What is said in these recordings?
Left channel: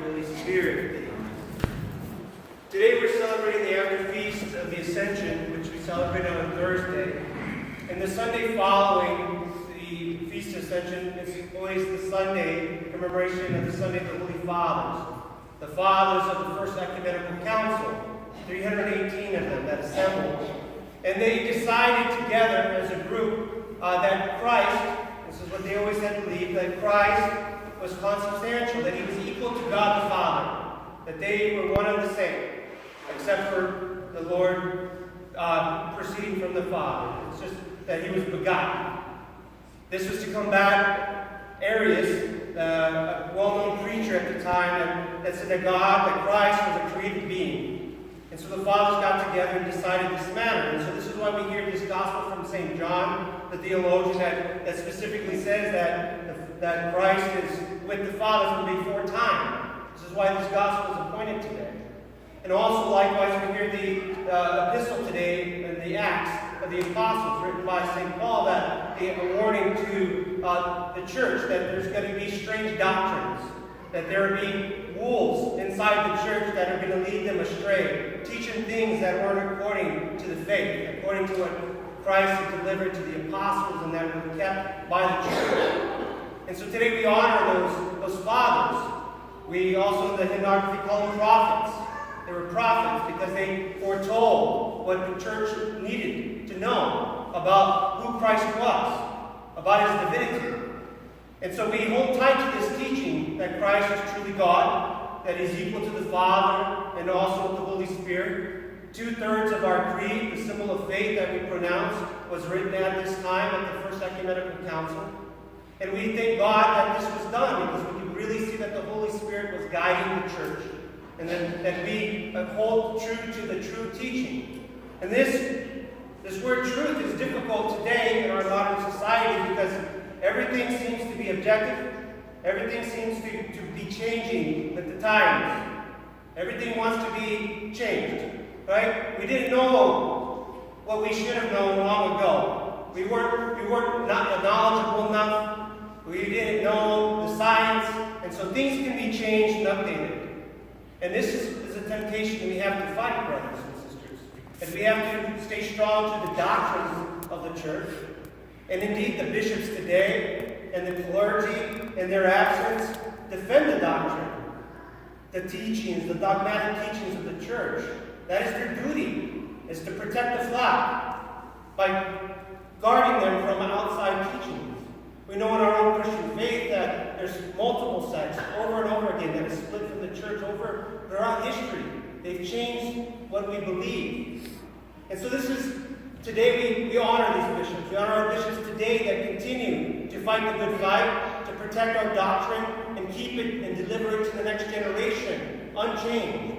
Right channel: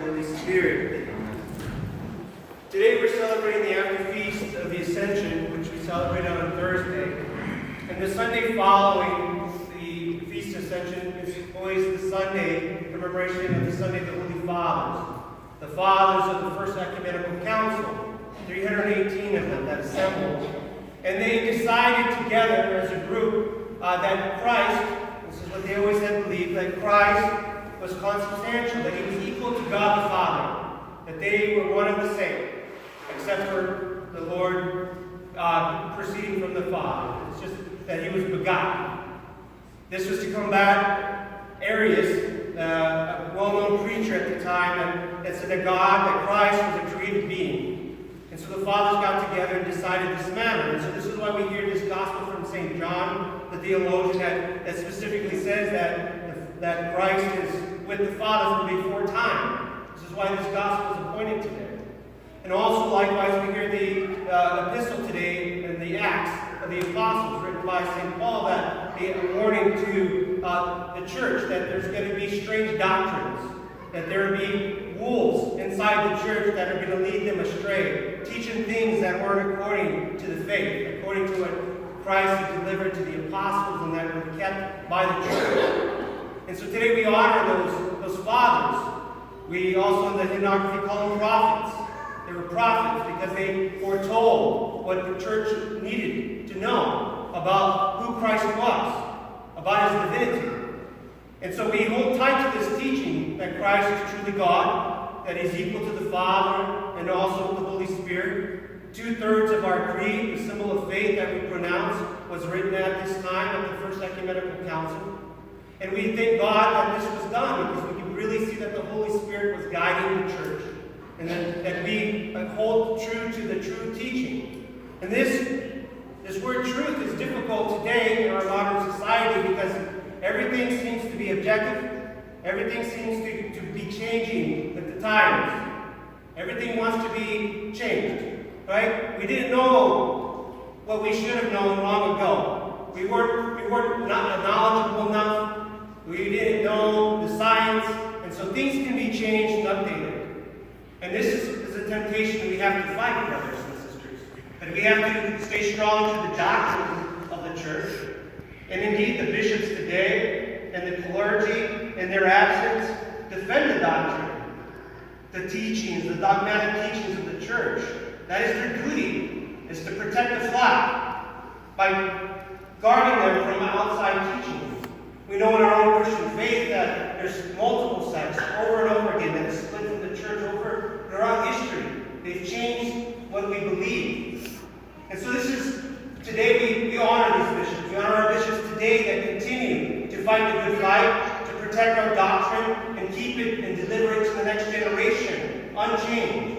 Holy Spirit. Today we're celebrating the afterfeast of the Ascension, which we celebrated on Thursday. And the Sunday following the Feast of Ascension is always the Sunday commemoration of the Sunday of the Holy Fathers. The Fathers of the First Ecumenical Council, 318 of them that assembled. And they decided together as a group that Christ, this is what they always had believed, that Christ was consubstantial, that he was equal to God the Father, that they were one and the same, except for the Lord proceeding from the Father. It's just that he was begotten. This was to combat Arius, a well-known preacher at the time, that said that God, that Christ was a created being. And so the fathers got together and decided this matter. And so this is why we hear this gospel from St. John, the theologian, that specifically says that Christ is with the Father from before time. This is why this gospel is appointed today. And also, likewise, we hear the epistle today in the Acts of the Apostles, written by St. Paul, that a warning to the church that there's going to be strange doctrines, that there will be wolves inside the church that are going to lead them astray, teaching things that weren't according to the faith, according to what Christ had delivered to the apostles and that were kept by the church. And so today we honor those fathers. We also in the hymnography call them prophets. They were prophets because they foretold what the church needed to know about who Christ was, about his divinity. And so we hold tight to this teaching that Christ is truly God, that he's equal to the Father and also the Holy Spirit. 2/3 of our creed, the symbol of faith that we pronounce, was written at this time at the First Ecumenical Council. And we thank God that this was done because we can really see that the Holy Spirit was guiding the church and that we hold true to the true teaching. And this word truth is difficult today in our modern society because everything seems to be objective. Everything seems to be changing with the times. Everything wants to be changed, right? We didn't know what we should have known long ago. We weren't not knowledgeable enough. We didn't know the science, and so things can be changed and updated. And this is a temptation that we have to fight, brothers and sisters. But we have to stay strong to the doctrines of the church. And indeed, the bishops today and the clergy, in their absence, defend the doctrine, the teachings, the dogmatic teachings of the church. That is their duty, is to protect the flock by guarding them from outside teaching. We know in our own Christian faith that there's multiple sects over and over again that have split from the church over throughout history. They've changed what we believe. And so this is, today we honor these bishops. We honor our bishops today that continue to fight the good fight, to protect our doctrine, and keep it and deliver it to the next generation, unchanged.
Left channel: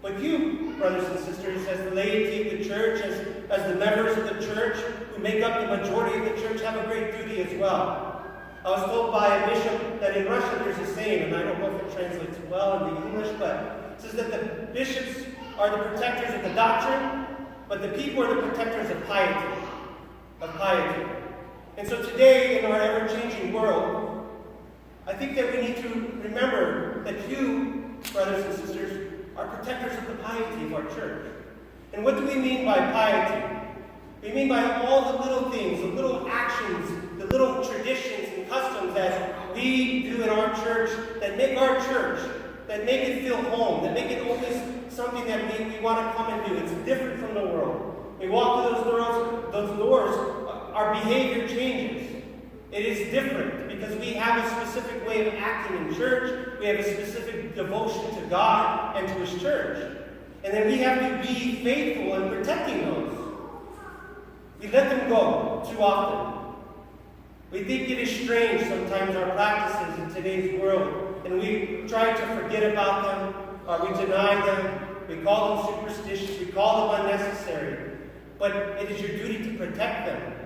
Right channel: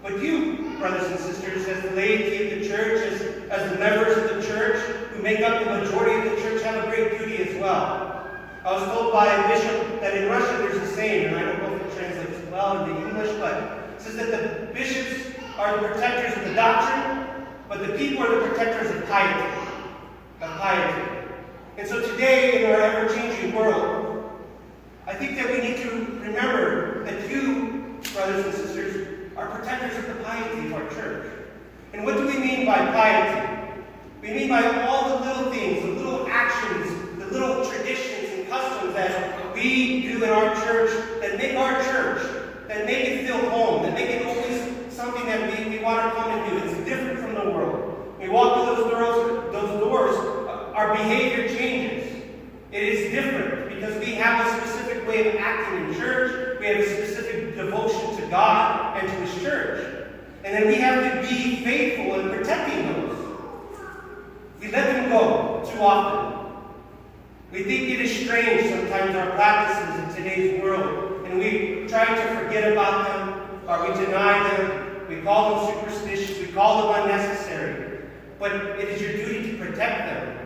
But you, brothers and sisters, as the laity of the church, as the members of the church, who make up the majority of the church, have a great duty as well. I was told by a bishop that in Russian there's a saying, and I don't know if it translates well into English, but it says that the bishops are the protectors of the doctrine, but the people are the protectors of piety. And so today, in our ever-changing world, I think that we need to remember that you, brothers and sisters, are protectors of the piety of our church. And what do we mean by piety? We mean by all the little things, the little actions, the little traditions and customs that we do in our church that make our church, that make it feel home, that make it always something that we want to come and do. It's different from the world. We walk through those doors, our behavior changes. It is different because we have a specific way of acting in church. We have a specific devotion to God and to his church. And then we have to be faithful in protecting those. We let them go too often. We think it is strange sometimes our practices in today's world, and we try to forget about them, or we deny them, we call them superstitious, we call them unnecessary. But it is your duty to protect them.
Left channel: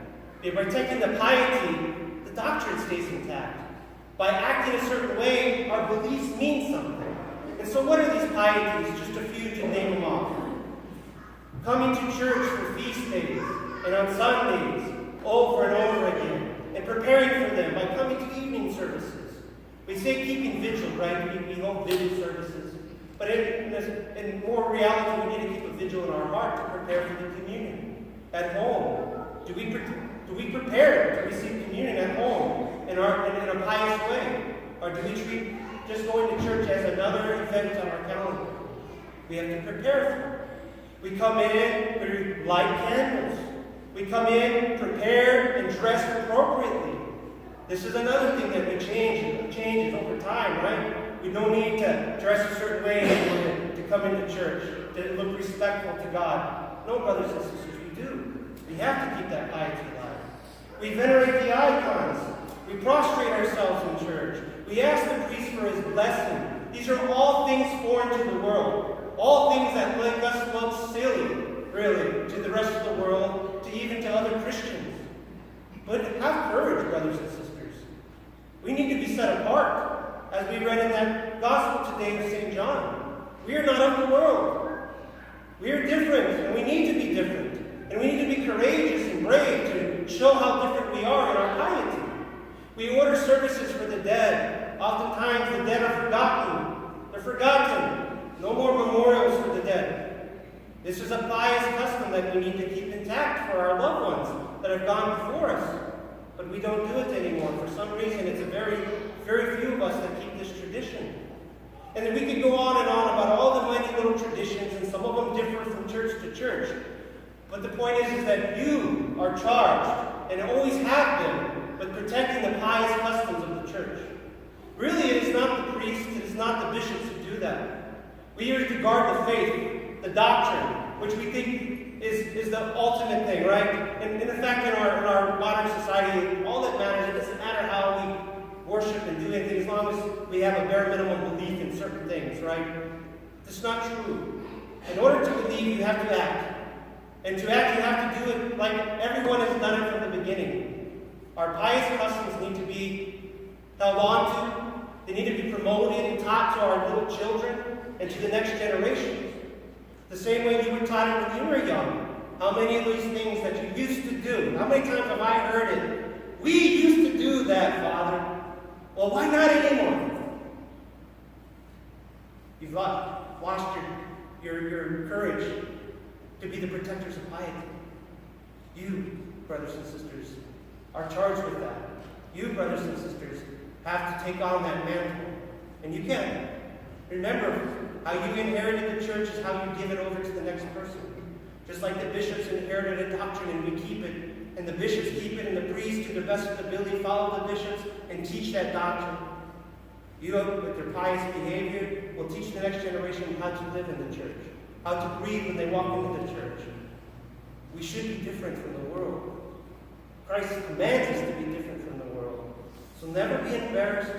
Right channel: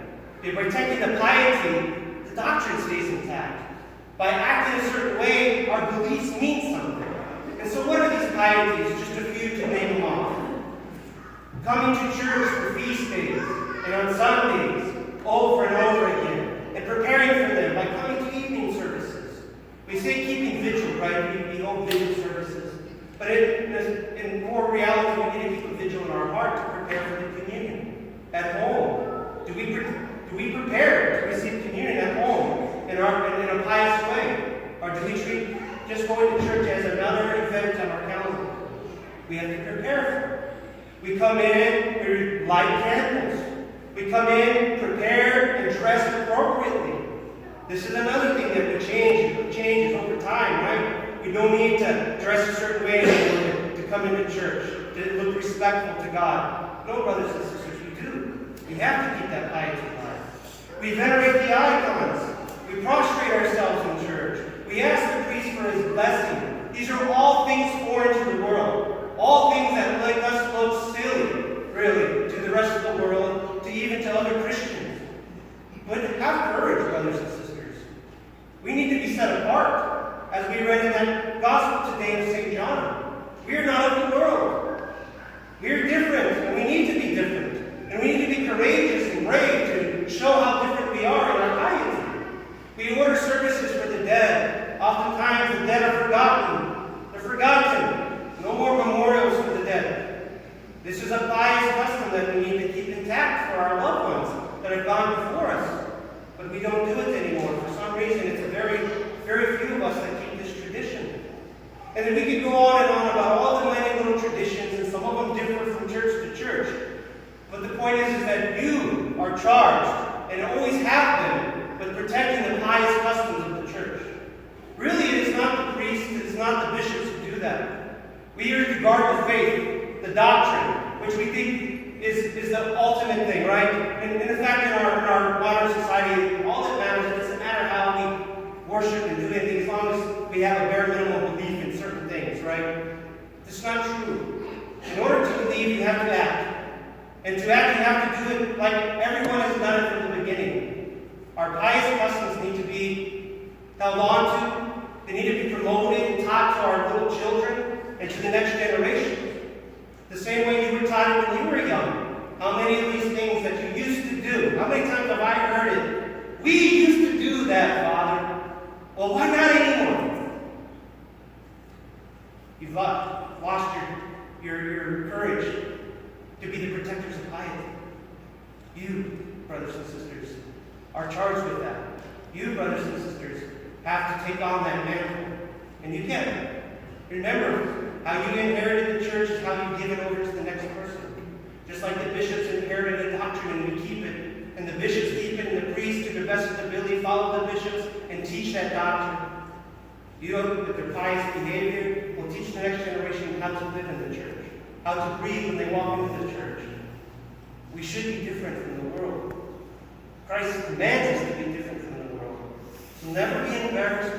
By protecting the piety, the doctrine stays intact. By acting a certain way, our beliefs mean something. And so what are these pieties? Just a few to name them off. Coming to church for feast days and on Sundays over and over again, and preparing for them by coming to evening services. We say keeping vigil, right? We hold vigil in more reality, we need to keep a vigil in our heart to prepare for the communion at home. Do we prepare to receive communion at home in a pious way? Or do we treat just going to church as another event on our calendar? We have to prepare for it. We come in, we light candles. We come in, prepared, and dressed appropriately. This is another thing that we changes over time, right? We don't need to dress a certain way to come into church, to look respectful to God. No, brothers and sisters, we do. We have to keep that piety alive. We venerate the icons. We prostrate ourselves in church. We ask the priest for his blessing. These are all things foreign to the world. All things that make us look silly, really, to the rest of the world, to even to other Christians. But have courage, brothers and sisters. We need to be set apart, as we read in that gospel today of St. John. We are not of the world. We are different, and we need to be different. And we need to be courageous and brave to show how different we are in our piety. We order services for the dead. Oftentimes the dead are forgotten. They're forgotten. No more memorials for the dead. This is a pious custom that we need to keep intact for our loved ones that have gone before us. But we don't do it anymore. For some reason, it's a very few of us that keep this tradition. And then we could go on and on about all the many little traditions, and some of them differ from church to church. But the point is that you are charged, and always have been, with protecting the pious customs of the church. Really, it is not the priests, it is not the bishops who do that. We are to guard the faith, the doctrine, which we think is the ultimate thing, right? And in fact, in our modern society, all that matters, it doesn't matter how we worship and do anything, as long as we have a bare minimum belief in certain things, right? It's not true. In order to believe, you have to act. And to act, you have to do it like everyone has done it from the beginning. Our pious customs need to be held on to. They need to be promoted and taught to our little children and to the next generation. The same way you were taught it when you were young. How many of these things that you used to do? How many times have I heard it? We used to do that, Father. Well, why not anymore? You've lost your courage to be the protectors of piety. You, brothers and sisters, are charged with that. You, brothers and sisters, have to take on that mantle. And you can. Remember, how you inherited the church is how you give it over to the next person. Just like the bishops inherited a doctrine and we keep it, and the bishops keep it, and the priests, to the best of their ability, follow the bishops and teach that doctrine. You, with their pious behavior, will teach the next generation how to live in the church, how to breathe when they walk into the church. We should be different from the world. Christ commands us to be different from the world. So never be embarrassed,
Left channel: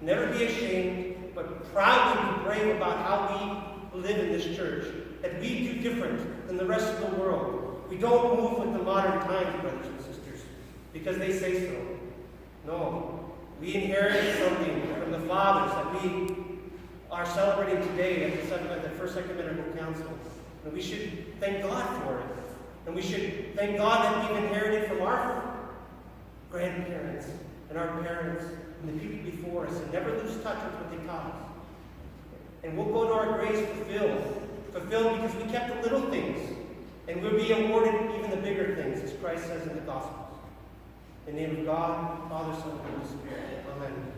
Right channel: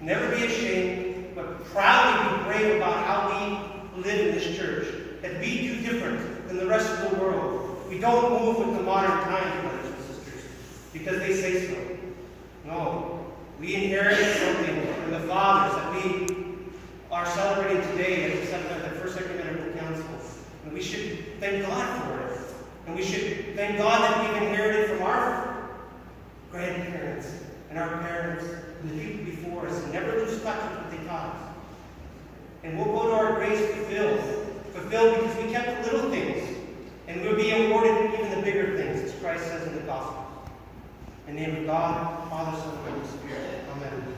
never be ashamed, but proudly be brave about how we live in this church. That we do different than the rest of the world. We don't move with the modern times, brothers and sisters, because they say so. No. We inherited something from the fathers that we are celebrating today at the First Ecumenical Council. And we should thank God for it. And we should thank God that we've inherited from our grandparents and our parents and the people before us, and never lose touch with what they taught us. And we'll go to our graves fulfilled because we kept the little things, and we'll be awarded even the bigger things, as Christ says in the Gospel. In the name of God, Father, Son, and Holy Spirit. Amen.